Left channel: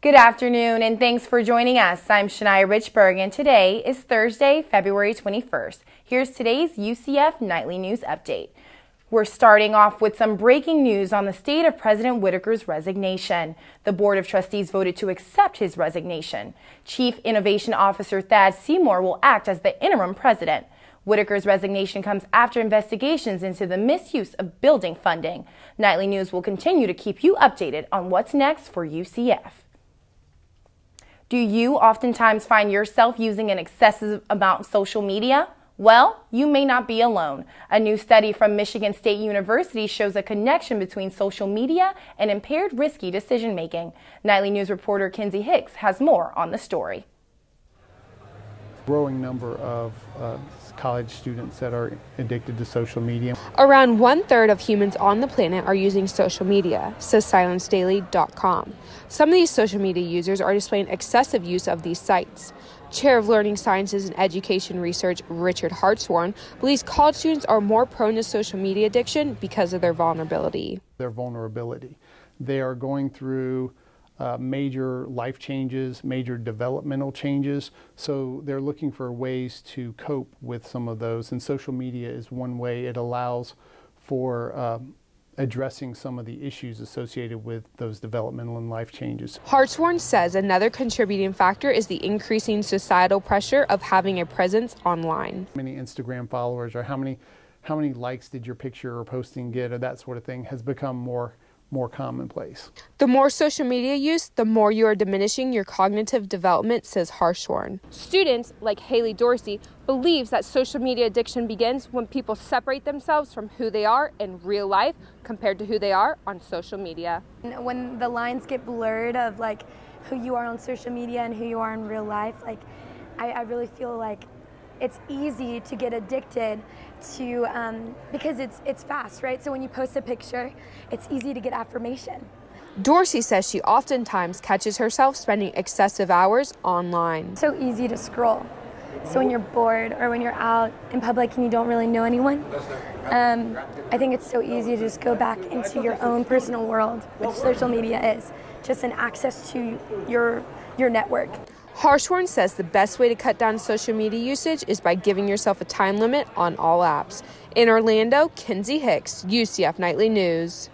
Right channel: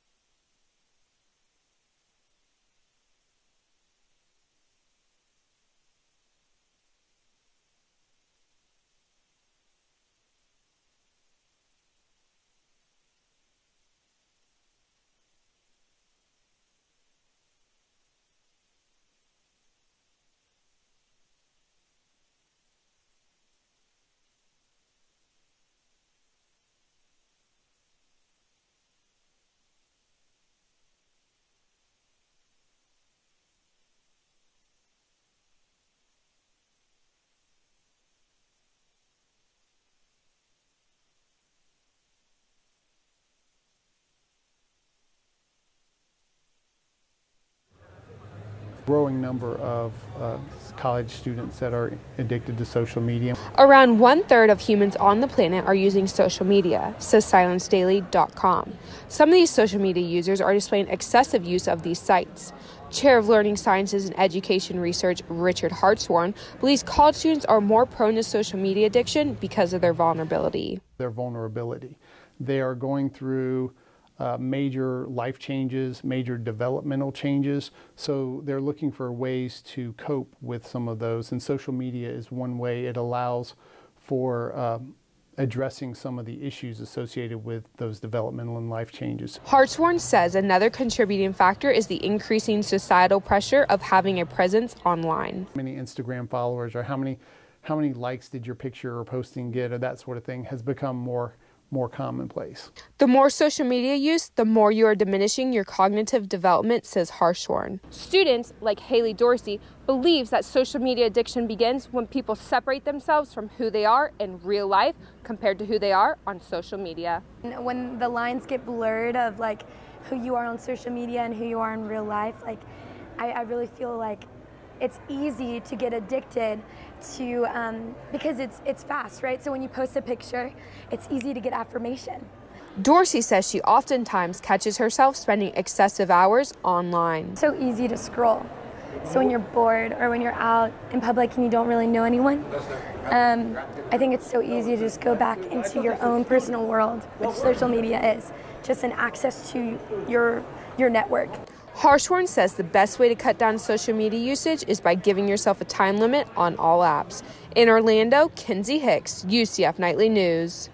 Good afternoon and thanks for joining us. I'm Shania Richburg and today is Thursday, February 21st. Here's today's UCF Nightly News Update. We're starting off with some breaking news on the state of President Whitaker's resignation. The Board of Trustees voted to accept his resignation. Chief Innovation Officer Thad Seymour will act as the interim president. Whitaker's resignation comes after investigations into the misuse of building funding. Nightly News will continue to keep you updated on what's next for UCF. Do you oftentimes find yourself using an excessive amount of social media? Well, you may not be alone. A new study from Michigan State University shows a connection between social media and impaired risky decision-making. Nightly News reporter Kinsey Hicks has more on the story. Growing number of college students that are addicted to social media. Around 1/3 of humans on the planet are using social media, says SilenceDaily.com. Some of these social media users are displaying excessive use of these sites. Chair of Learning Sciences and Education Research, Richard Hartshorn, believes college students are more prone to social media addiction because of their vulnerability. They are going through major life changes, major developmental changes, so they're looking for ways to cope with some of those, and social media is one way. It allows for addressing some of the issues associated with those developmental and life changes. Hartshorn says another contributing factor is the increasing societal pressure of having a presence online. How many Instagram followers or how many likes did your picture or posting get, or that sort of thing has become more commonplace. The more social media use, the more you are diminishing your cognitive development, says Hartshorn. Students, like Haley Dorsey, believes that social media addiction begins when people separate themselves from who they are in real life compared to who they are on social media. When the lines get blurred of like who you are on social media and who you are in real life, like I really feel like it's easy to get addicted to, because it's fast, right? So when you post a picture, it's easy to get affirmation. Dorsey says she oftentimes catches herself spending excessive hours online. It's so easy to scroll. So when you're bored or when you're out in public and you don't really know anyone, I think it's so easy to just go back into your own personal world, which social media is, just an access to your network. Hartshorn says the best way to cut down social media usage is by giving yourself a time limit on all apps. In Orlando, Kinsey Hicks, UCF Nightly News.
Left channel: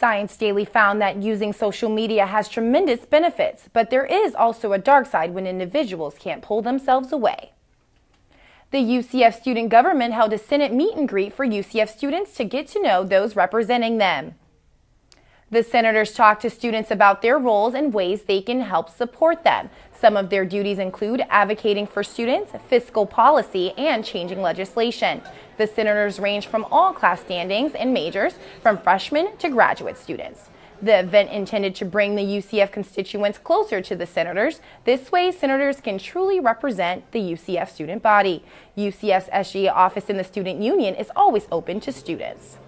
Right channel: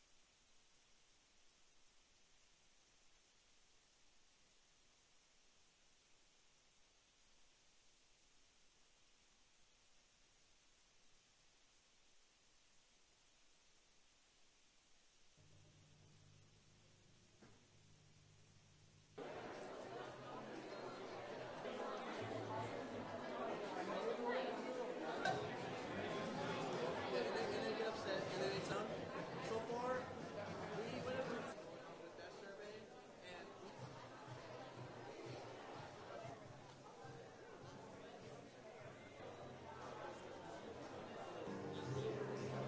Science Daily found that using social media has tremendous benefits, but there is also a dark side when individuals can't pull themselves away. The UCF student government held a Senate meet and greet for UCF students to get to know those representing them. The senators talked to students about their roles and ways they can help support them. Some of their duties include advocating for students, fiscal policy, and changing legislation. The senators range from all class standings and majors, from freshmen to graduate students. The event intended to bring the UCF constituents closer to the senators. This way, senators can truly represent the UCF student body. UCF's SGA office in the Student Union is always open to students.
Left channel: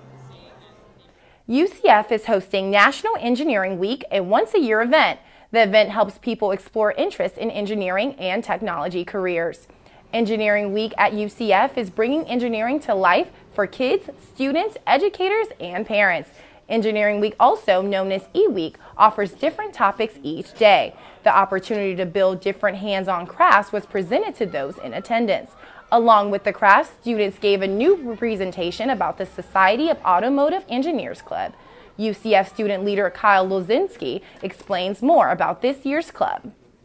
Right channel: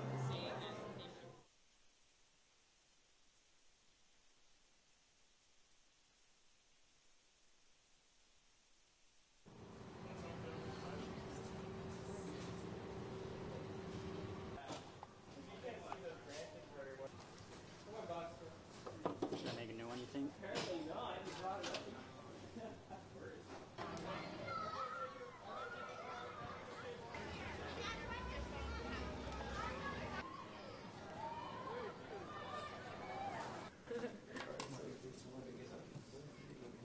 UCF is hosting National Engineering Week, a once-a-year event. The event helps people explore interests in engineering and technology careers. Engineering Week at UCF is bringing engineering to life for kids, students, educators, and parents. Engineering Week, also known as E-Week, offers different topics each day. The opportunity to build different hands-on crafts was presented to those in attendance. Along with the crafts, students gave a new presentation about the Society of Automotive Engineers Club. UCF student leader Kyle Lozinski explains more about this year's club.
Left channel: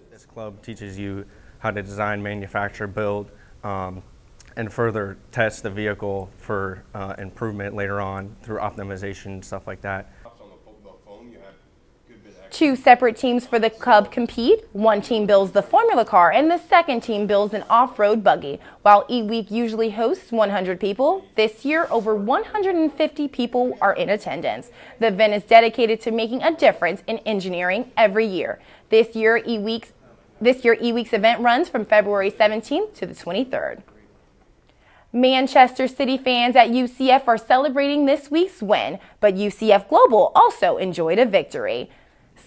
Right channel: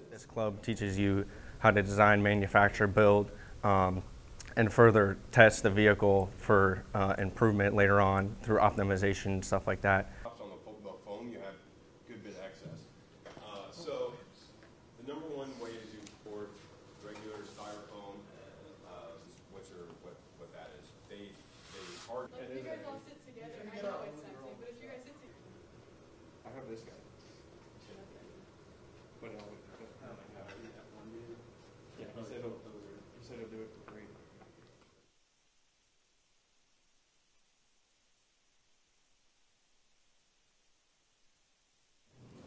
This club teaches you how to design, manufacture, build, and further test the vehicle for improvement later on through optimization, stuff like that. 2 separate teams for the club compete. One team builds the formula car and the second team builds an off-road buggy. While E-Week usually hosts 100 people, this year over 150 people are in attendance. The event is dedicated to making a difference in engineering every year. This year E-Week's event runs from February 17th to the 23rd. Manchester City fans at UCF are celebrating this week's win, but UCF Global also enjoyed a victory.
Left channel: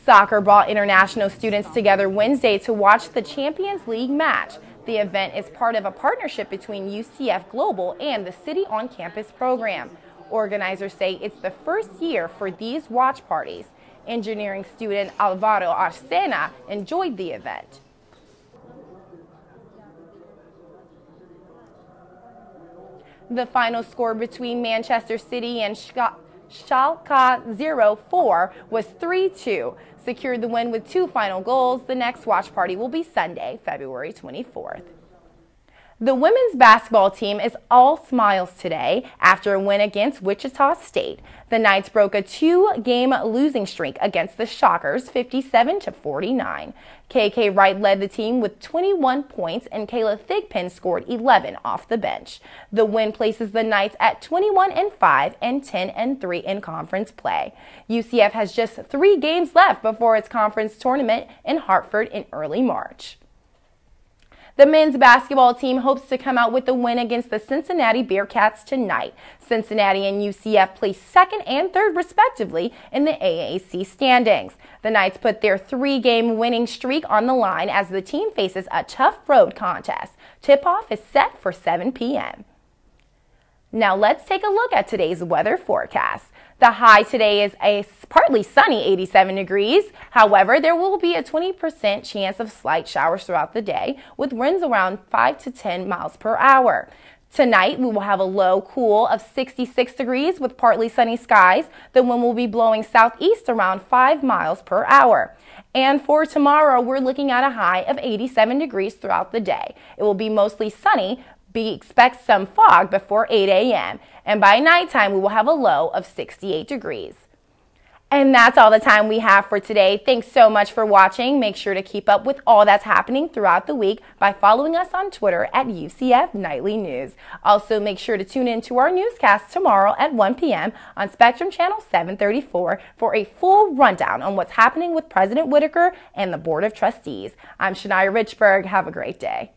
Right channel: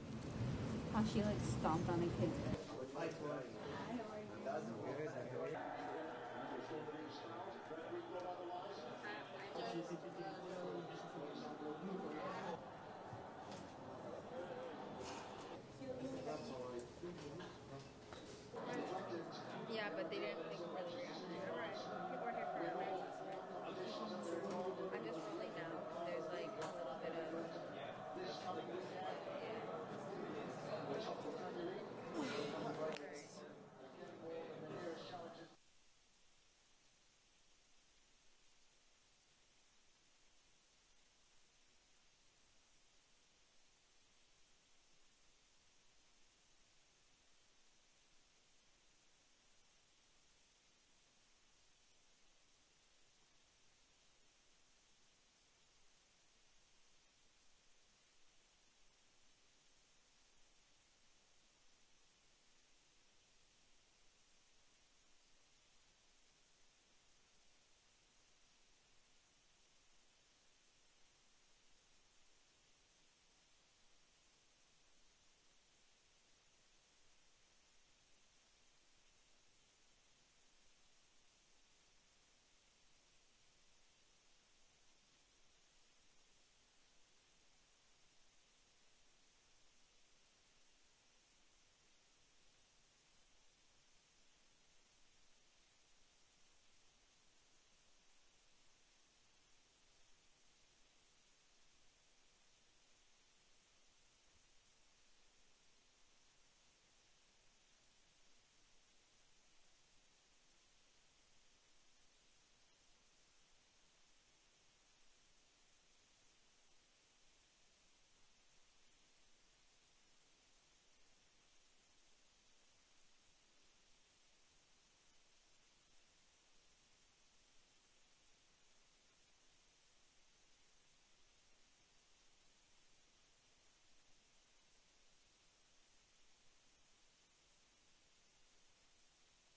Soccer brought international students together Wednesday to watch the Champions League match. The event is part of a partnership between UCF Global and the City on Campus program. Organizers say it's the first year for these watch parties. Engineering student Alvaro Arcena enjoyed the event. The final score between Manchester City and Schalke 04 was 3-2. Secured the win with 2 final goals. The next watch party will be Sunday, February 24th. The women's basketball team is all smiles today after a win against Wichita State. The Knights broke a 2-game losing streak against the Shockers, 57-49. KK Wright led the team with 21 points and Kayla Thigpen scored 11 off the bench. The win places the Knights at 21-5 and 10-3 in conference play. UCF has just 3 games left before its conference tournament in Hartford in early March. The men's basketball team hopes to come out with a win against the Cincinnati Bearcats tonight. Cincinnati and UCF placed 2nd and 3rd respectively in the AAC standings. The Knights put their 3-game winning streak on the line as the team faces a tough road contest. Tip-off is set for 7 p.m. Now let's take a look at today's weather forecast. The high today is a partly sunny 87 degrees. However, there will be a 20% chance of slight showers throughout the day with winds around 5 to 10 miles per hour. Tonight, we will have a low cool of 66 degrees with partly sunny skies. The wind will be blowing southeast around 5 miles per hour. And for tomorrow, we're looking at a high of 87 degrees throughout the day. It will be mostly sunny. Expect some fog before 8 a.m. and by nighttime we will have a low of 68 degrees. And that's all the time we have for today. Thanks so much for watching. Make sure to keep up with all that's happening throughout the week by following us on Twitter at UCF Nightly News. Also, make sure to tune in to our newscast tomorrow at 1 p.m. on Spectrum Channel 734 for a full rundown on what's happening with President Whitaker and the Board of Trustees. I'm Shania Richburg. Have a great day.